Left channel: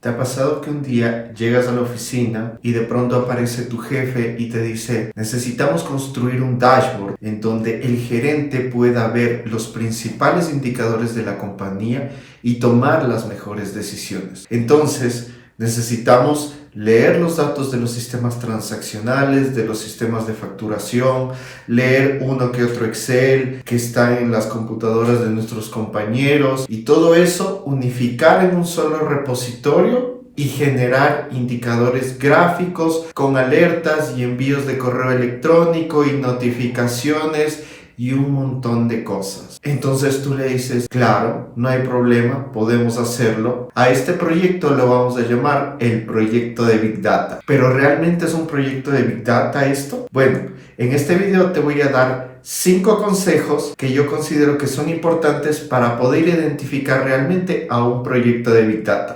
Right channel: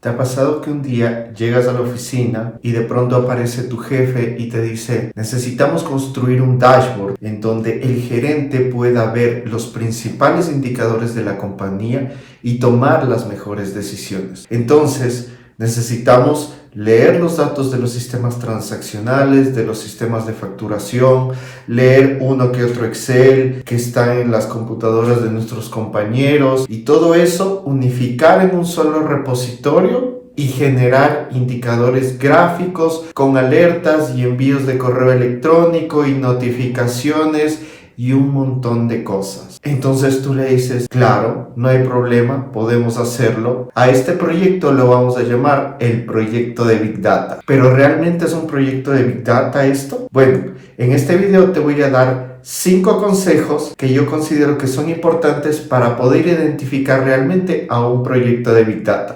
¿Te ha pasado que un día llegas a la oficina y de pronto aparece tu jefe y te dice: necesitamos construir un dashboard en donde el gerente pueda ver los principales indicadores de la compañía y tomar las mejores decisiones? Entonces, necesitamos leer los datos de los sistemas transaccionales, de los sistemas de facturación, leer uno que otro Excel que está en las computadoras de nuestros compañeros y todo eso unificar en un solo repositorio y generar indicadores gráficos con alertas y envíos de correo electrónico y notificaciones y un montón de cosas. Entonces tú le dices: claro, no hay problema, podemos hacerlo. A este proyecto lo vamos a llamar el proyecto de Big Data. ¿Pero realmente es un proyecto de Big Data esto? Bueno, en este video te voy a dar 5 consejos que yo considero que son importantes para poder identificar realmente a un proyecto de Big Data.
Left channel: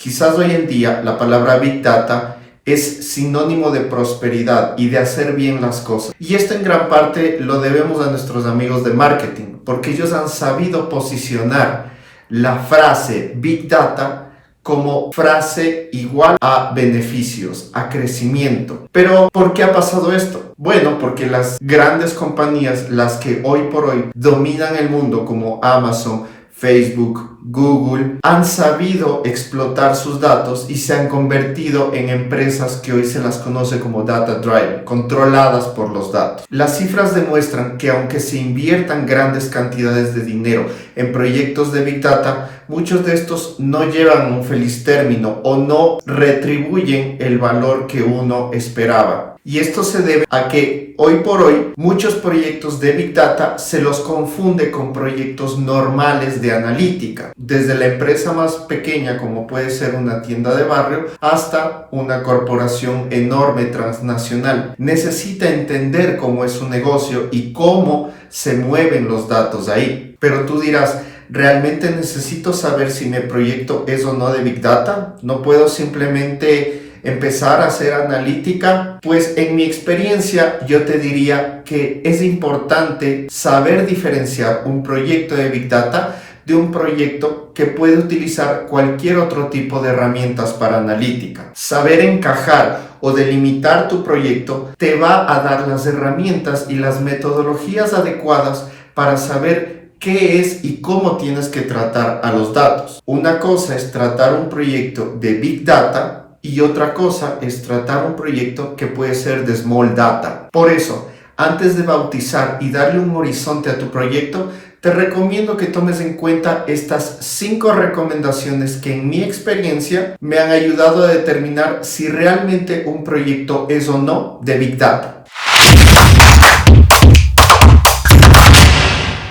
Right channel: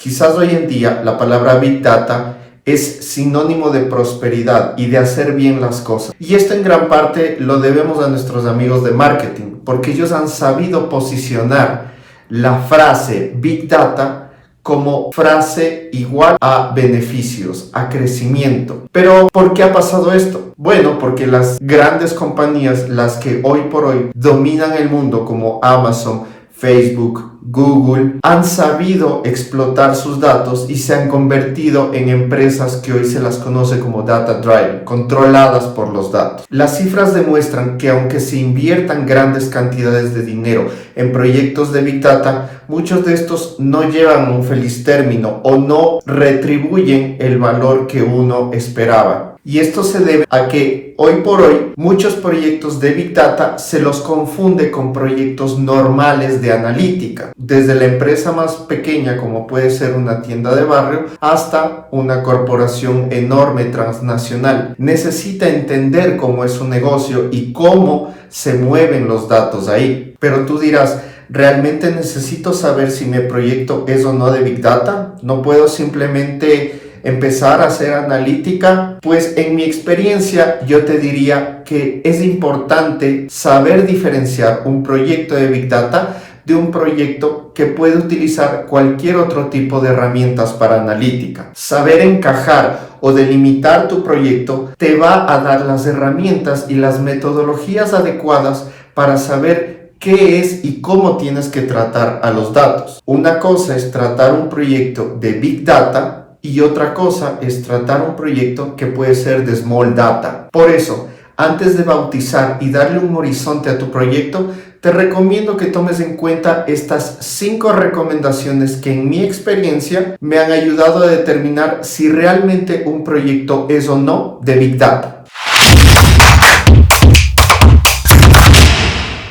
Quizás hoy en día la palabra Big Data es sinónimo de prosperidad y de hacer bien las cosas. Y esto en gran parte lo debemos a nuestros amigos de marketing, porque ellos han sabido posicionar la frase Big Data como frase igual a beneficios, a crecimiento. Pero ¿por qué ha pasado esto? Bueno, porque las grandes compañías, las que hoy por hoy dominan el mundo, como Amazon, Facebook, Google, han sabido explotar sus datos y se han convertido en empresas que hoy se las conoce como data driven, controladas por los datos. Las cifras demuestran que aunque se inviertan grandes cantidades de dinero en proyectos de Big Data, muchos de estos no llevan un feliz término o no retribuyen el valor que uno esperaba. Y esto se debe a que hoy por hoy muchos proyectos de Big Data se los confunde con proyectos normales de analítica. Desde la empresa más pequeña, como puede ser una tienda de barrio, hasta una corporación enorme transnacional. Necesita entender cómo es su negocio y cómo se mueven los datos ahí. Pero tú dirás: ¿realmente necesito saber si mi proyecto es o no de Big Data? ¿No puedo simplemente empezar a hacer analítica? Pues en mi experiencia yo te diría que es importante saber diferenciar un proyecto de Big Data de un proyecto que puede utilizar cualquier otro tipo de herramientas para analítica. Saber encajar o delimitar tu proyecto te va a dar las herramientas y las metodologías adecuadas para saber qué es y cómo tienes que tratar a los datos. Una cosa es tratar un proyecto de Big Data y otra cosa es tratar un proyecto que puede ser de Small Data. Por eso, antes de bautizar y darle un horizonte a tu proyecto, te recomiendo que tomes en cuenta estas 5 recomendaciones que en mi experiencia me han ayudado a determinar si realmente un proyecto es o no de Big Data.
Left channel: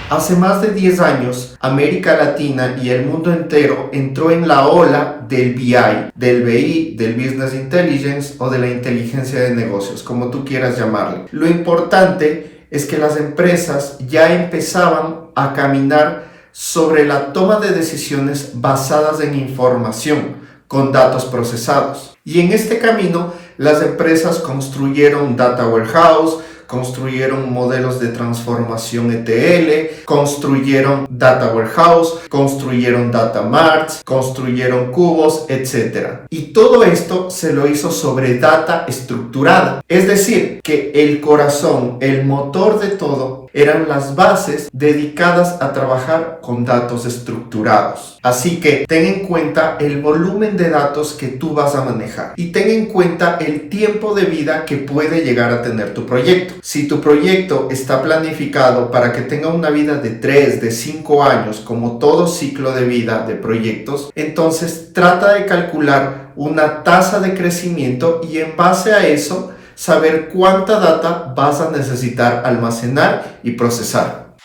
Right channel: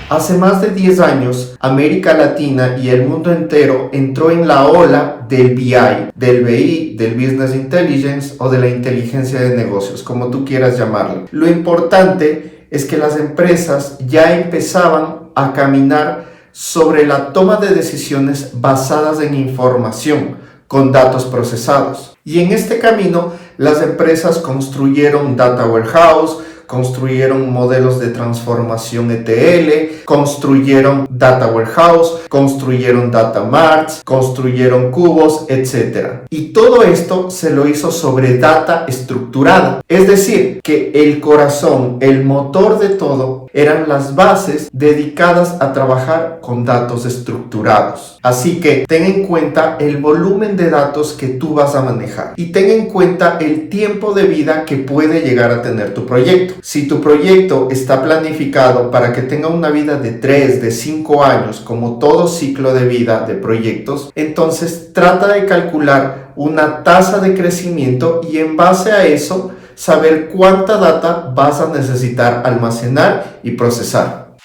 Hace más de 10 años, América Latina y el mundo entero entró en la ola del BI, del BI, del Business Intelligence o de la inteligencia de negocios, como tú quieras llamarlo. Lo importante es que las empresas ya empezaban a caminar sobre la toma de decisiones basadas en información, con datos procesados. Y en este camino, las empresas construyeron data warehouse, construyeron modelos de transformación ETL, construyeron data warehouse, construyeron data marts, construyeron cubos, etc. Y todo esto se lo hizo sobre data estructurada. Es decir, que el corazón, el motor de todo, eran las bases dedicadas a trabajar con datos estructurados. Así que ten en cuenta el volumen de datos que tú vas a manejar y ten en cuenta el tiempo de vida que puede llegar a tener tu proyecto. Si tu proyecto está planificado para que tenga una vida de 3, de 5 años, como todo ciclo de vida de proyectos, entonces trata de calcular una tasa de crecimiento y en base a eso saber cuánta data vas a necesitar almacenar y procesar.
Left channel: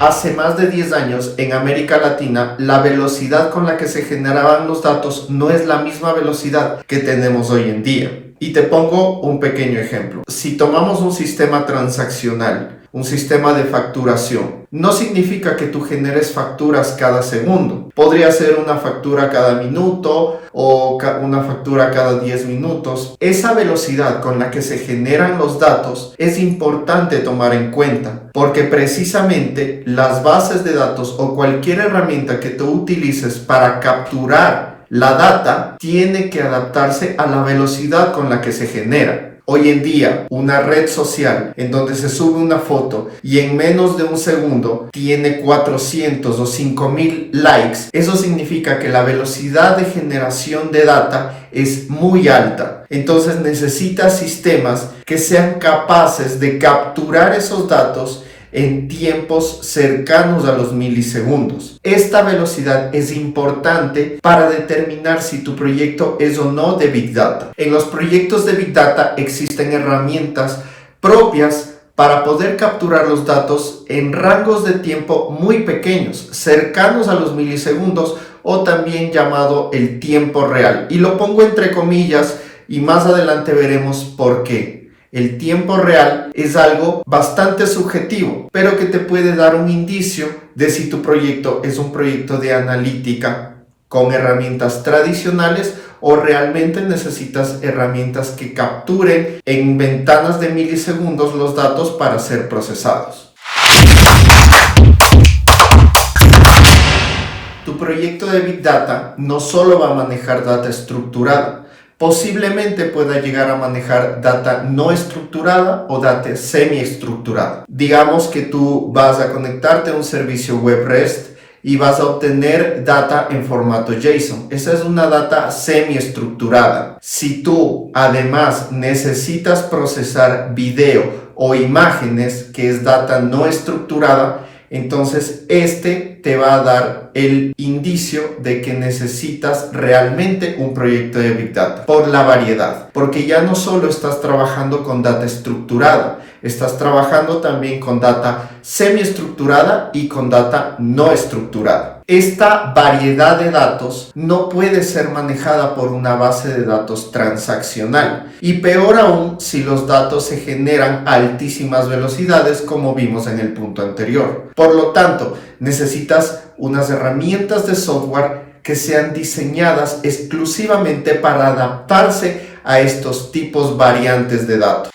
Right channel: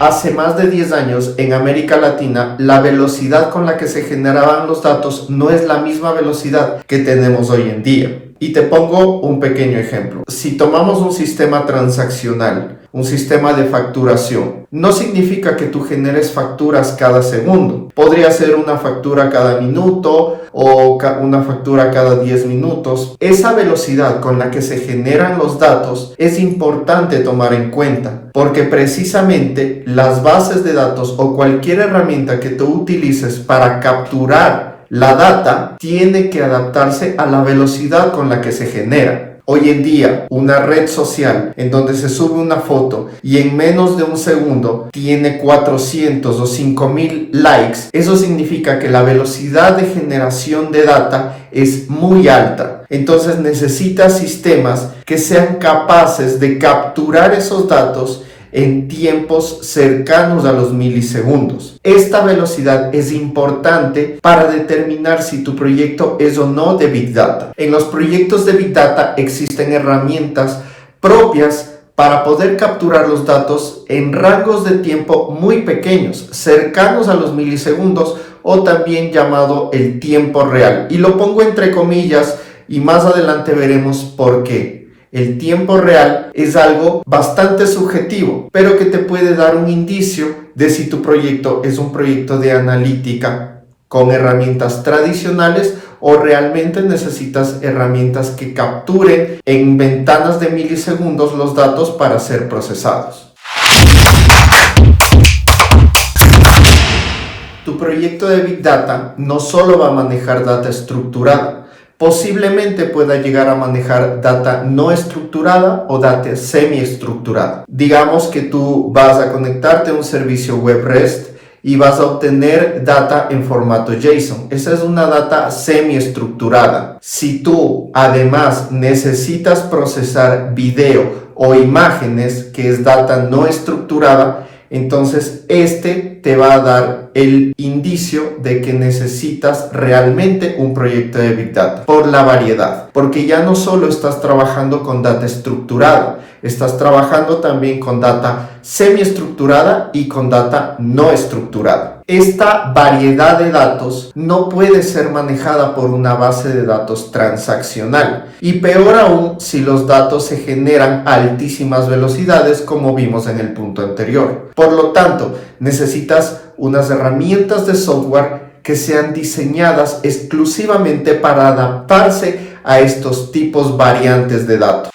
Hace más de 10 años en América Latina, la velocidad con la que se generaban los datos no es la misma velocidad que tenemos hoy en día. Y te pongo un pequeño ejemplo. Si tomamos un sistema transaccional un sistema de facturación. No significa que tú generes facturas cada segundo. Podría ser una factura cada minuto o una factura cada 10 minutos. Esa velocidad con la que se generan los datos es importante tomar en cuenta, porque precisamente las bases de datos o cualquier herramienta que tú utilices para capturar la data tiene que adaptarse a la velocidad con la que se genera. Hoy en día, una red social en donde se sube una foto y en menos de un segundo tiene 400 o 5000 likes, eso significa que la velocidad de generación de data es muy alta. Entonces necesitas sistemas que sean capaces de capturar esos datos en tiempos cercanos a los milisegundos. Esta velocidad es importante para determinar si tu proyecto es o no de Big Data. En los proyectos de Big Data existen herramientas propias para poder capturar los datos en rangos de tiempo muy pequeños, cercanos a los milisegundos o también llamado el tiempo real. Y lo pongo entre comillas y más adelante veremos por qué. El tiempo real es algo bastante subjetivo, pero que te puede dar un indicio de si tu proyecto es un proyecto de analítica con herramientas tradicionales o realmente necesitas herramientas que capturen en ventanas de milisegundos los datos para ser procesados. Tu proyecto de Big Data no solo va a manejar data estructurada, posiblemente pueda llegar a manejar data no estructurada o data semi-estructurada. Digamos que tú vas a conectarte a un servicio web REST y vas a obtener data en formato JSON. Esa es una data semi-estructurada. Si tú además necesitas procesar video o imágenes, que es data no estructurada, entonces este te va a dar el indicio de que necesitas realmente un proyecto de Big Data por la variedad, porque ya no solo estás trabajando con data estructurada, estás trabajando también con data semiestructurada y con data no estructurada. Esta variedad de datos no puede ser manejada por una base de datos transaccional, y peor aún si los datos se generan a altísimas velocidades, como vimos en el punto anterior. Por lo tanto, necesitas unas herramientas de software que sean diseñadas exclusivamente para adaptarse a estos tipos variantes de datos.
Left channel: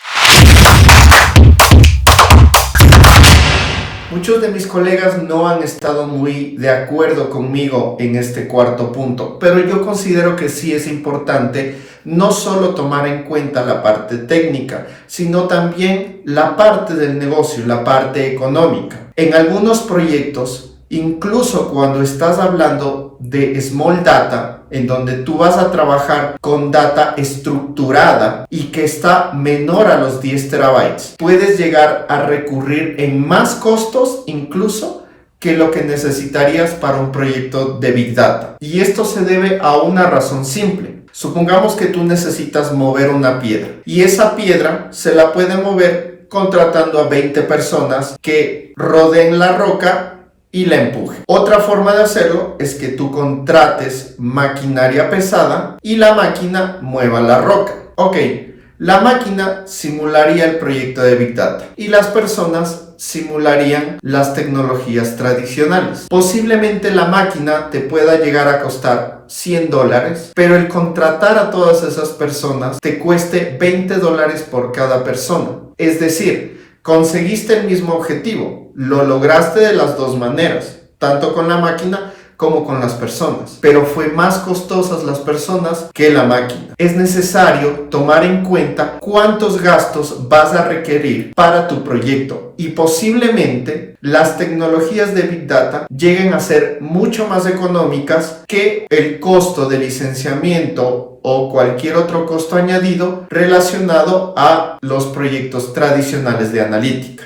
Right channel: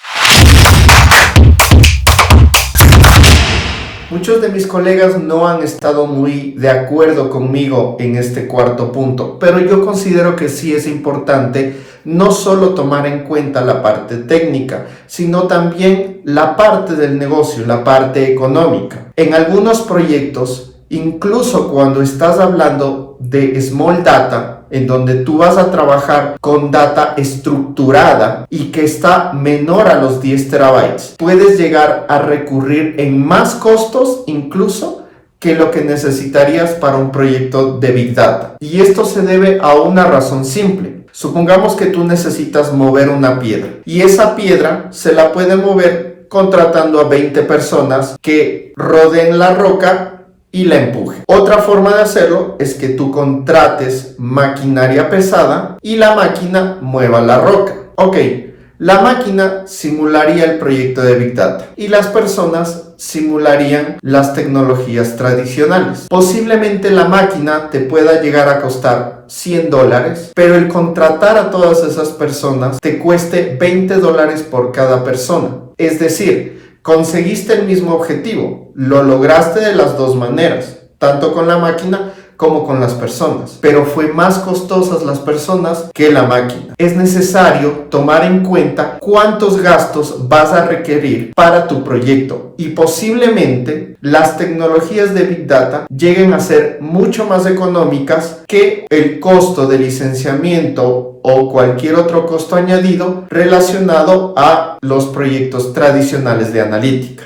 Muchos de mis colegas no han estado muy de acuerdo conmigo en este cuarto punto, pero yo considero que sí es importante no solo tomar en cuenta la parte técnica, sino también la parte del negocio, la parte económica. En algunos proyectos, incluso cuando estás hablando de small data, en donde tú vas a trabajar con data estructurada y que está menor a los 10 terabytes, puedes llegar a recurrir en más costos incluso que lo que necesitarías para un proyecto de Big Data. Y esto se debe a una razón simple. Supongamos que tú necesitas mover una piedra y esa piedra se la puede mover contratando a 20 personas que rodeen la roca y la empuje. Otra forma de hacerlo es que tú contrates maquinaria pesada y la máquina mueva la roca. Ok, la máquina simularía el proyecto de Big Data y las personas simularían las tecnologías tradicionales. Posiblemente la máquina te pueda llegar a costar $100, pero el contratar a todas esas personas te cueste $20 por cada persona. Es decir, conseguiste el mismo objetivo, lo lograste de las dos maneras, tanto con la máquina como con las personas, pero fue más costosas las personas que la máquina. Es necesario tomar en cuenta cuántos gastos vas a requerir para tu proyecto y posiblemente las tecnologías de Big Data lleguen a ser mucho más económicas que el costo de licenciamiento o cualquier otro costo añadido relacionado a los proyectos tradicionales de analítica.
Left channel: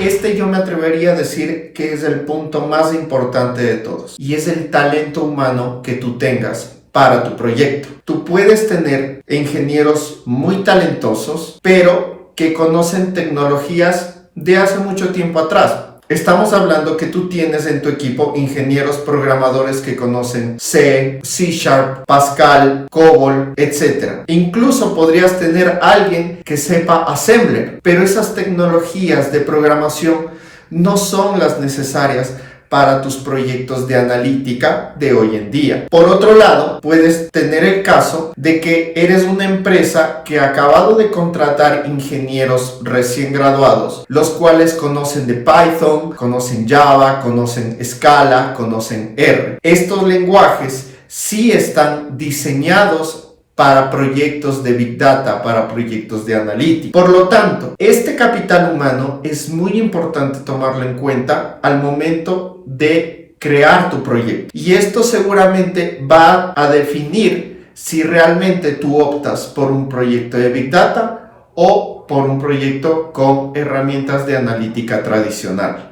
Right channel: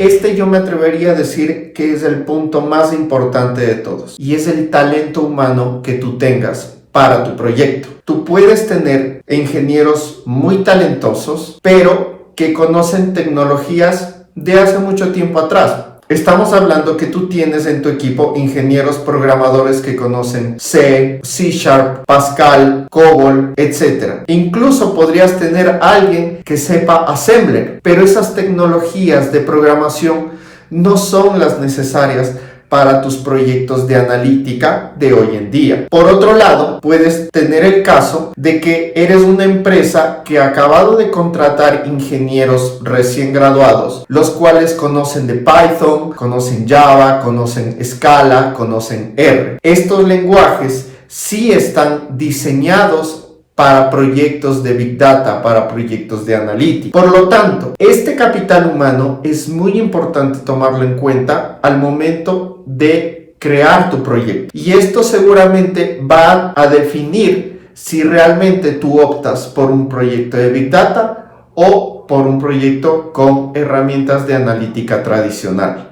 Este yo me atrevería a decir que es el punto más importante de todos, y es el talento humano que tú tengas para tu proyecto. Tú puedes tener ingenieros muy talentosos, pero que conocen tecnologías de hace mucho tiempo atrás. Estamos hablando que tú tienes en tu equipo ingenieros programadores que conocen C, C Sharp, Pascal, COBOL, etc. Incluso podrías tener a alguien que sepa Assembler, pero esas tecnologías de programación no son las necesarias para tus proyectos de analítica de hoy en día. Por otro lado, puedes tener el caso de que eres una empresa que ha acabado de contratar ingenieros recién graduados, los cuales conocen de Python, conocen Java, conocen Scala, conocen R. Estos lenguajes sí están diseñados para proyectos de Big Data, para proyectos de analítica. Por lo tanto, este capital humano es muy importante tomarlo en cuenta al momento de crear tu proyecto. Y esto seguramente va a definir si realmente tú optas por un proyecto de Big Data o por un proyecto con herramientas de analítica tradicional.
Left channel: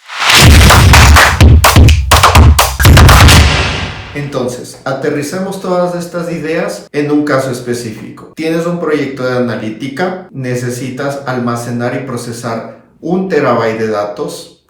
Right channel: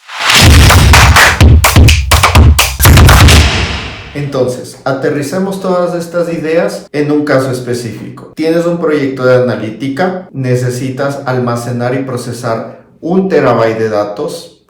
Entonces, aterricemos todas estas ideas en un caso específico. Tienes un proyecto de analítica, necesitas almacenar y procesar 1 terabyte de datos.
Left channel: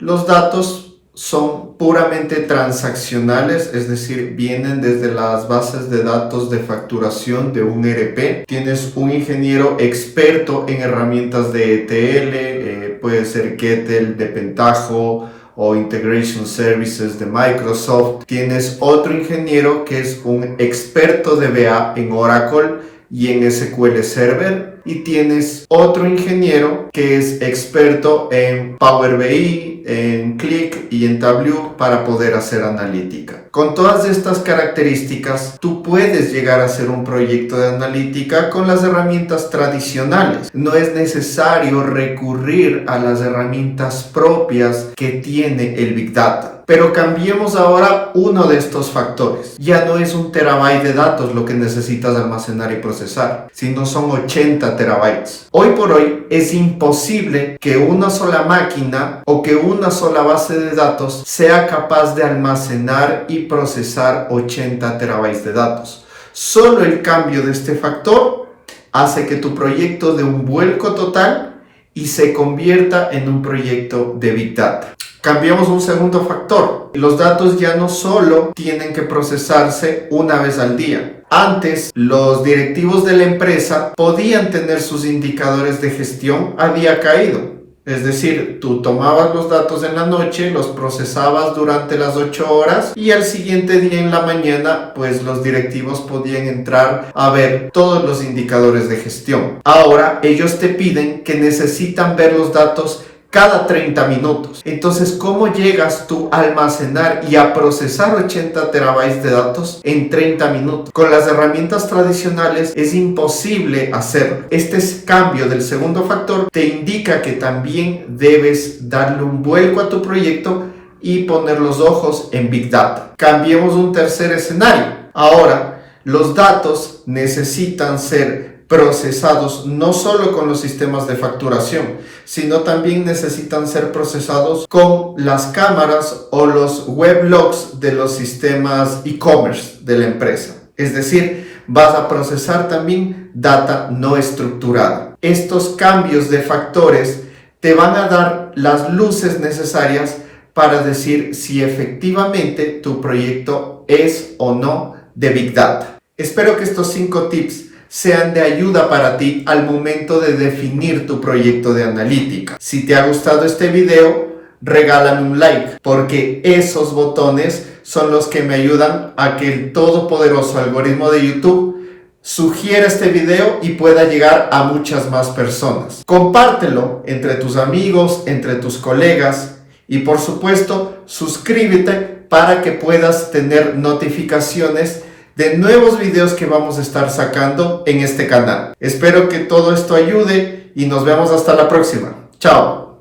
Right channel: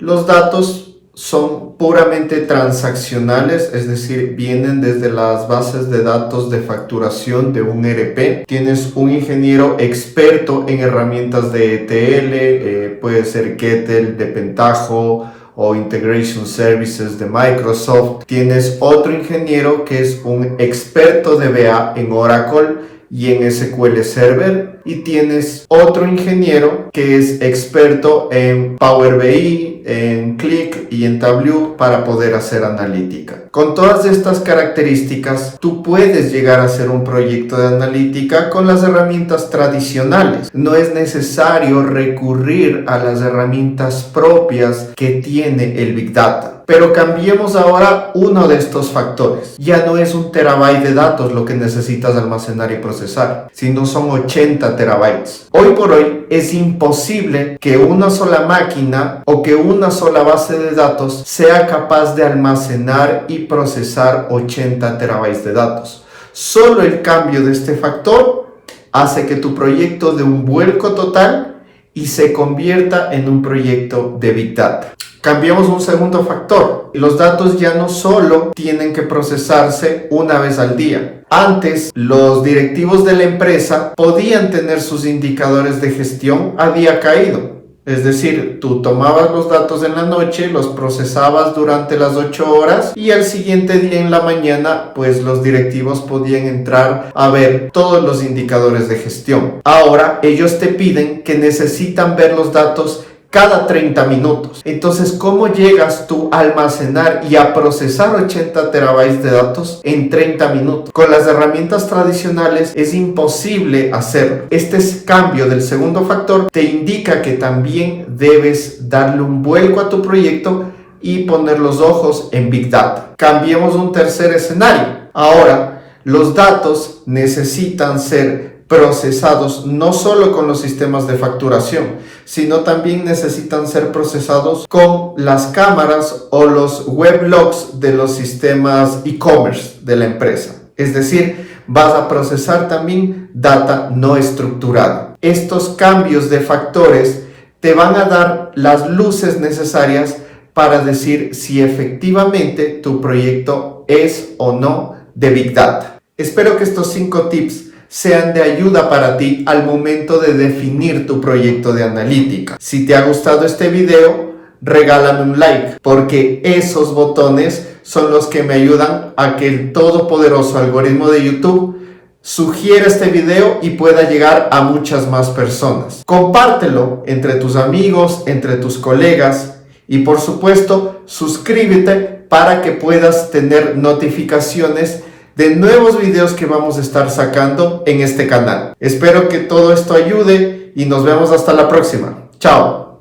Los datos son puramente transaccionales, es decir, vienen desde las bases de datos de facturación de un ERP. Tienes un ingeniero experto en herramientas de ETL, puede ser Kettle, de Pentaho, o Integration Services de Microsoft. Tienes otro ingeniero que es un experto de DBA en Oracle y en SQL Server. Y tienes otro ingeniero que es experto en Power BI, en Qlik y en Tableau para poder hacer analítica. Con todas estas características, tú puedes llegar a hacer un proyecto de analítica con las herramientas tradicionales. No es necesario recurrir a las herramientas propias que tiene el Big Data. Pero cambiemos ahora uno de estos factores. Ya no es 1 terabyte de datos lo que necesitas almacenar y procesar, sino son 80 terabytes. Hoy por hoy es imposible que una sola máquina o que una sola base de datos sea capaz de almacenar y procesar 80 terabytes de datos. Solo el cambio de este factor hace que tu proyecto dé un vuelco total y se convierta en un proyecto de Big Data. Cambiamos un segundo factor. Los datos ya no solo tienen que procesarse una vez al día. Antes, los directivos de la empresa podían tener sus indicadores de gestión a día caído. Es decir, tú tomabas los datos en la noche, los procesabas durante las 8 horas y al siguiente día en la mañana, pues los directivos podían entrar a ver todos los indicadores de gestión. Ahora, ellos te piden que necesitan ver los datos cada 30 minutos. Entonces, ¿cómo llegas tú a almacenar y a procesar 80 terabytes de datos en 30 minutos? Con las herramientas tradicionales es imposible hacerlo. Este cambio del segundo factor te indica que también debes darle un vuelco a tu proyecto y poner los ojos en Big Data. Cambiemos un tercer escenario. Ahora, los datos necesitan ser procesados no solo con los sistemas de facturación, sino también necesitan ser procesados con las cámaras o los weblogs de los sistemas e-commerce de la empresa. Es decir, vas a procesar también data no estructurada. Estos cambios de factores te van a dar las luces necesarias para decir si efectivamente tu proyecto es o no de Big Data. Espero que estos 5 tips sean de ayuda para ti al momento de definir tu proyecto de analítica. Si te ha gustado este video, regálame un like, porque esos botones son los que me ayudan a que el todopoderoso algoritmo de YouTube sugiera este video y pueda llegar a muchas más personas. Compártelo entre tus amigos, entre tus colegas y por supuesto, suscríbete para que puedas tener notificaciones de nuevos videos que vamos a estar sacando en este canal. Espero que todo esto ayude y nos vemos hasta la próxima. Chao.